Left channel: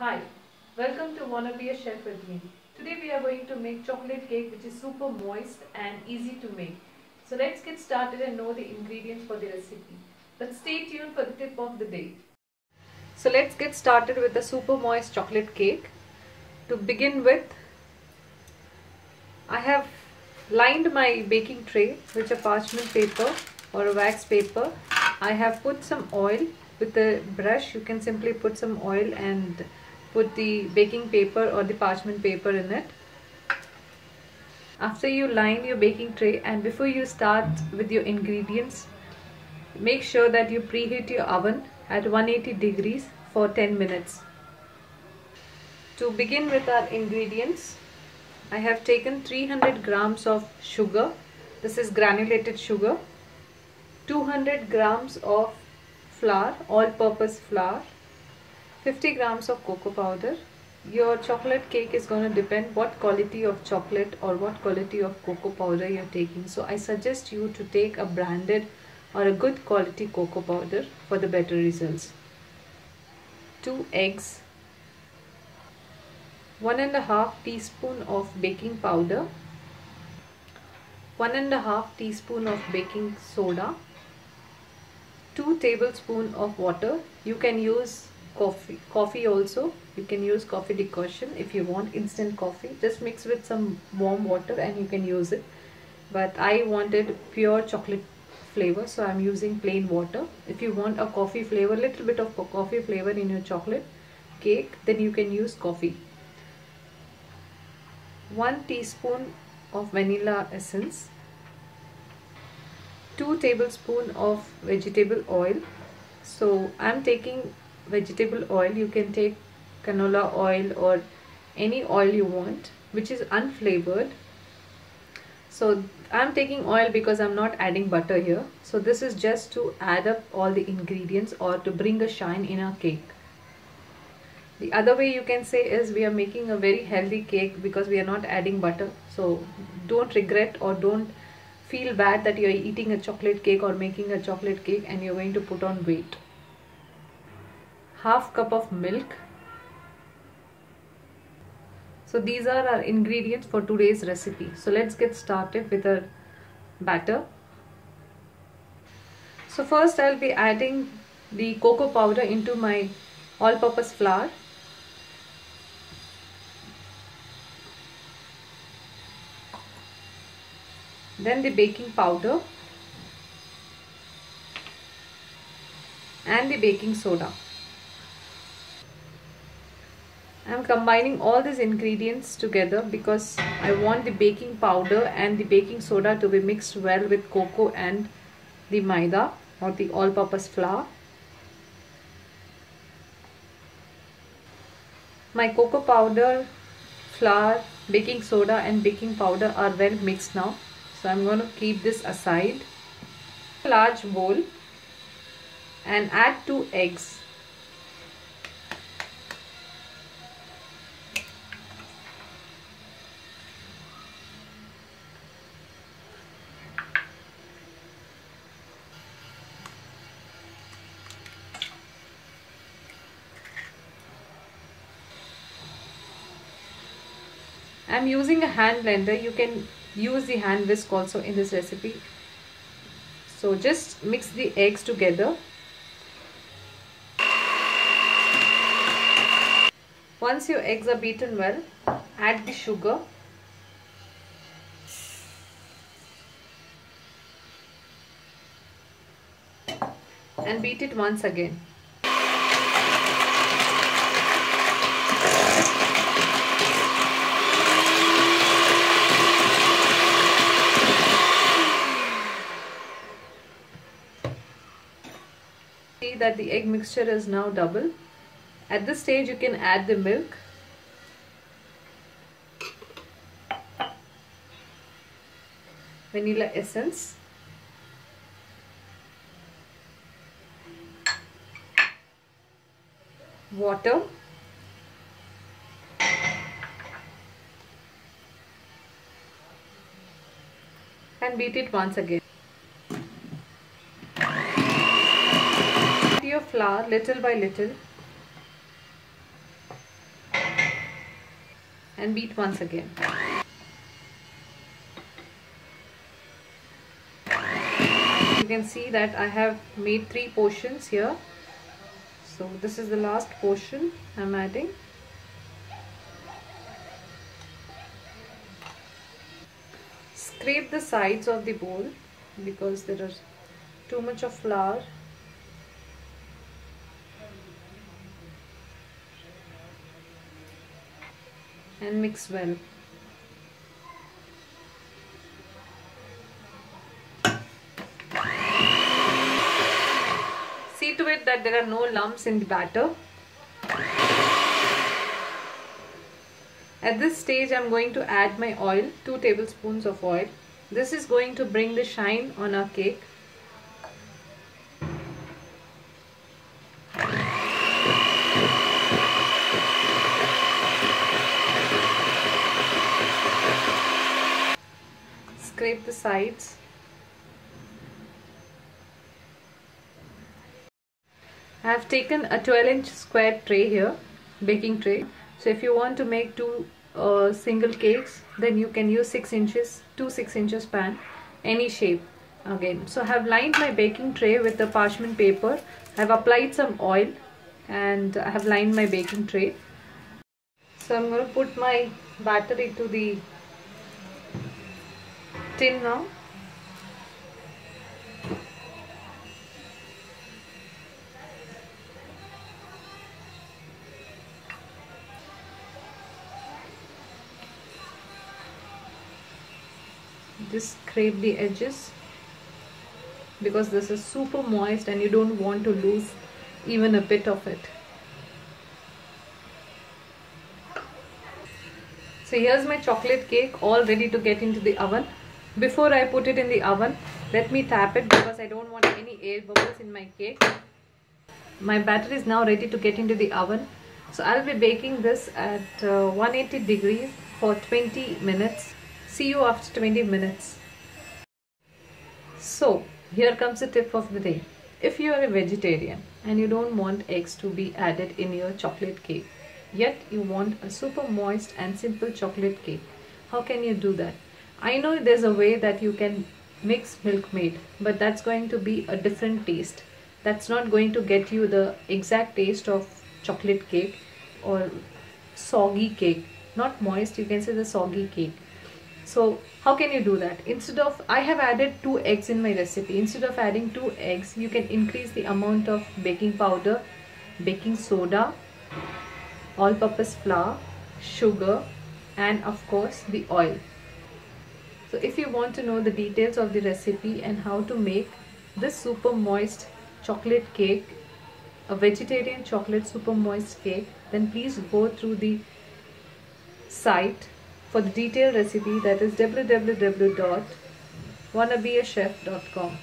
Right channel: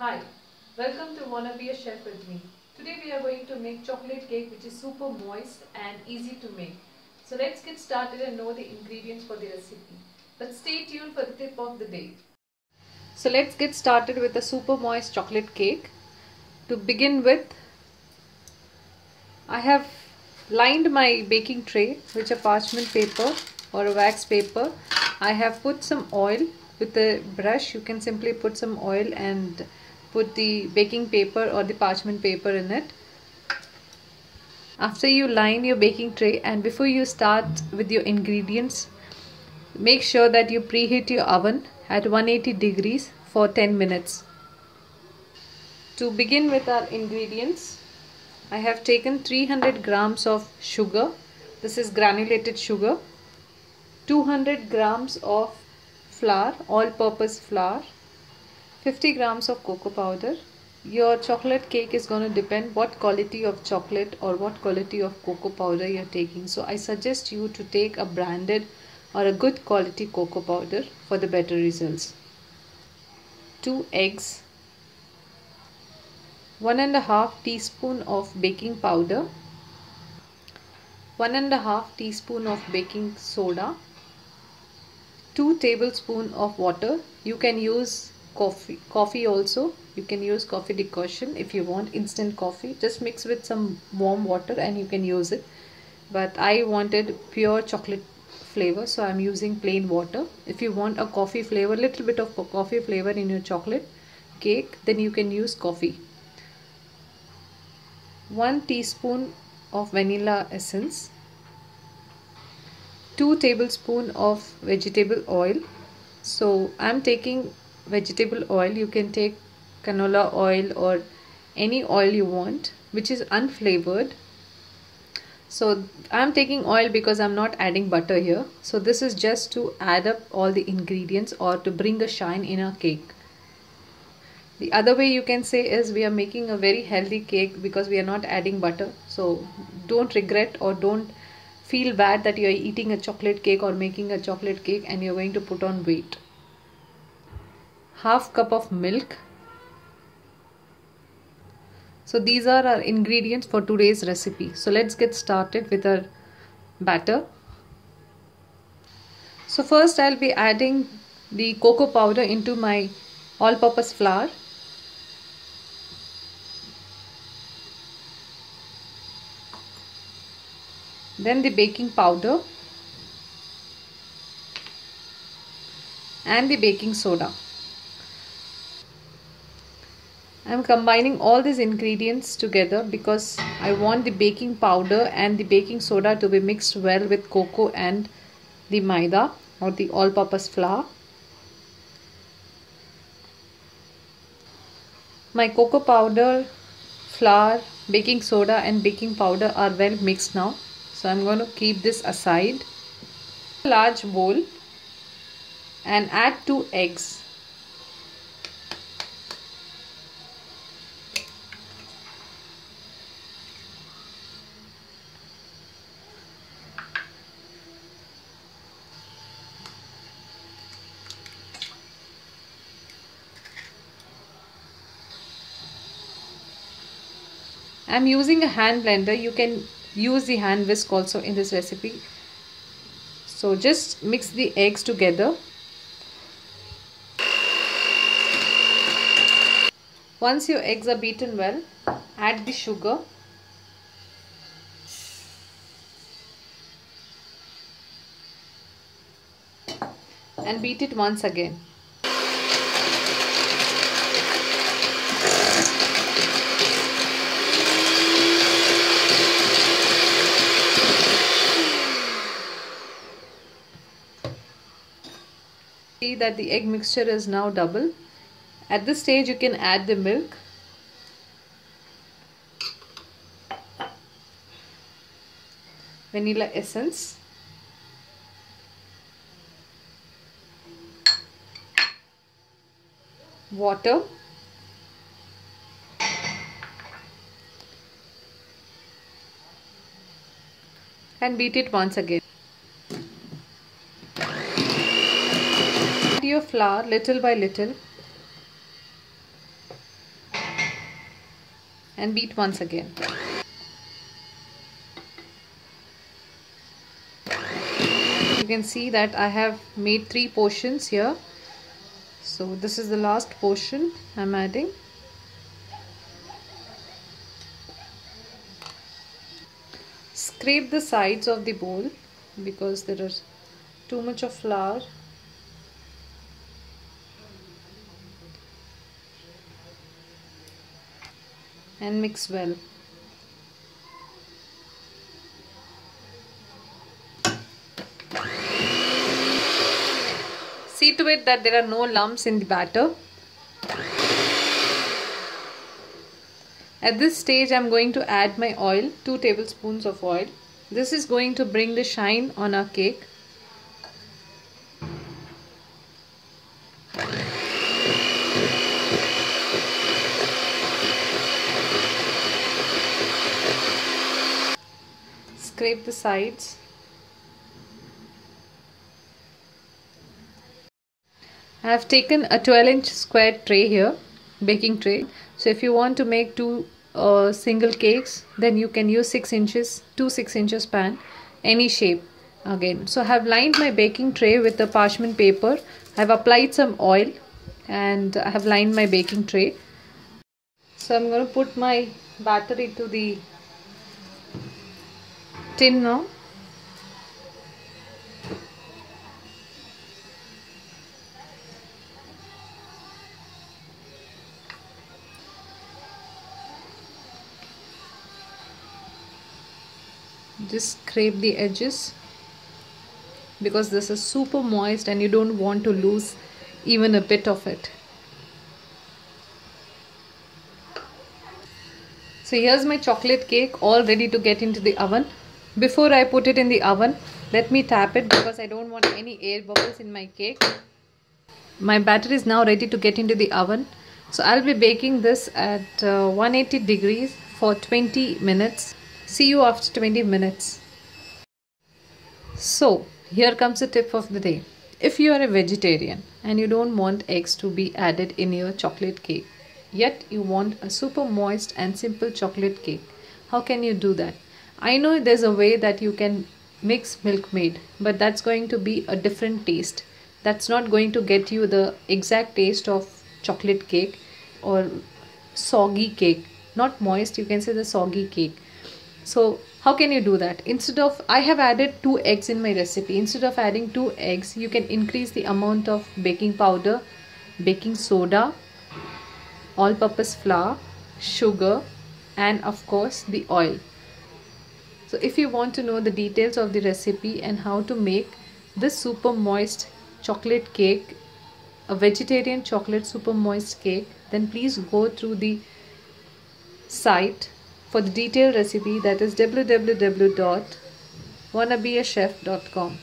Hi, welcome to Wanna Be a Chef with me. Today we are going to make chocolate cake which is super moist and easy to make. So let's get started and know the ingredients for the recipe. But stay tuned for the tip of the day. So let's get started with the super moist chocolate cake. To begin with, I have lined my baking tray with a parchment paper or a wax paper. I have put some oil with a brush. You can simply put some oil and put the baking paper or the parchment paper in it. After you line your baking tray and before you start with your ingredients, make sure that you preheat your oven at 180 degrees for 10 minutes. To begin with our ingredients, I have taken 300 grams of sugar. This is granulated sugar. 200 grams of flour, all-purpose flour. 50 grams of cocoa powder. Your chocolate cake is going to depend what quality of chocolate or what quality of cocoa powder you're taking. So I suggest you to take a branded or a good quality cocoa powder for the better results. 2 eggs. 1.5 teaspoon of baking powder. 1.5 teaspoon of baking soda. 2 tablespoons of water. You can use coffee also. You can use coffee decoction if you want instant coffee. Just mix with some warm water and you can use it. But I wanted pure chocolate flavor, so I'm using plain water. If you want a coffee flavor, little bit of coffee flavor in your chocolate cake, then you can use coffee. 1 teaspoon of vanilla essence. 2 tablespoons of vegetable oil. So I'm taking vegetable oil. You can take canola oil or any oil you want which is unflavored. So I'm taking oil because I'm not adding butter here. So this is just to add up all the ingredients or to bring a shine in our cake. The other way you can say is we are making a very healthy cake because we are not adding butter. So don't regret or don't feel bad that you are eating a chocolate cake or making a chocolate cake and you're going to put on weight. Half cup of milk. So these are our ingredients for today's recipe. So let's get started with our batter. So first I'll be adding the cocoa powder into my all-purpose flour. Then the baking powder and the baking soda. I am combining all these ingredients together because I want the baking powder and the baking soda to be mixed well with cocoa and the maida or the all-purpose flour. My cocoa powder, flour, baking soda and baking powder are well mixed now. So I'm going to keep this aside. A large bowl and add 2 eggs. I'm using a hand blender. You can use the hand whisk also in this recipe. So just mix the eggs together. Once your eggs are beaten well, add the sugar. And beat it once again. See that the egg mixture is now double. At this stage you can add the milk. Vanilla essence. Water. And beat it once again. Add your flour little by little. and beat once again. You can see that I have made 3 portions here. So this is the last portion I'm adding. Scrape the sides of the bowl because there is too much of flour. And mix well. See to it that there are no lumps in the batter. At this stage, I am going to add my oil, 2 tablespoons of oil. This is going to bring the shine on our cake. Scrape the sides. I have taken a 12-inch square tray here, baking tray. So if you want to make 2 single cakes, then you can use 6 inches, 2 6-inch pan, any shape again. So I have lined my baking tray with the parchment paper. I have applied some oil and I have lined my baking tray. So I'm going to put my batter into the tin now. Just scrape the edges because this is super moist and you don't want to lose even a bit of it. So here's my chocolate cake all ready to get into the oven. Before I put it in the oven, let me tap it because I don't want any air bubbles in my cake. My batter is now ready to get into the oven. So I'll be baking this at 180 degrees for 20 minutes. See you after 20 minutes. So here comes the tip of the day. If you are a vegetarian and you don't want eggs to be added in your chocolate cake, yet you want a super moist and simple chocolate cake, how can you do that? I know there's a way that you can mix milkmaid, but that's going to be a different taste. That's not going to get you the exact taste of chocolate cake or soggy cake. Not moist, you can say the soggy cake. So how can you do that? Instead of, I have added 2 eggs in my recipe. Instead of adding 2 eggs, you can increase the amount of baking powder, baking soda, all-purpose flour, sugar, and of course the oil. So if you want to know the details of the recipe and how to make this super moist chocolate cake, a vegetarian chocolate super moist cake, then please go through the site for the detailed recipe, that is www.wannabeachef.com.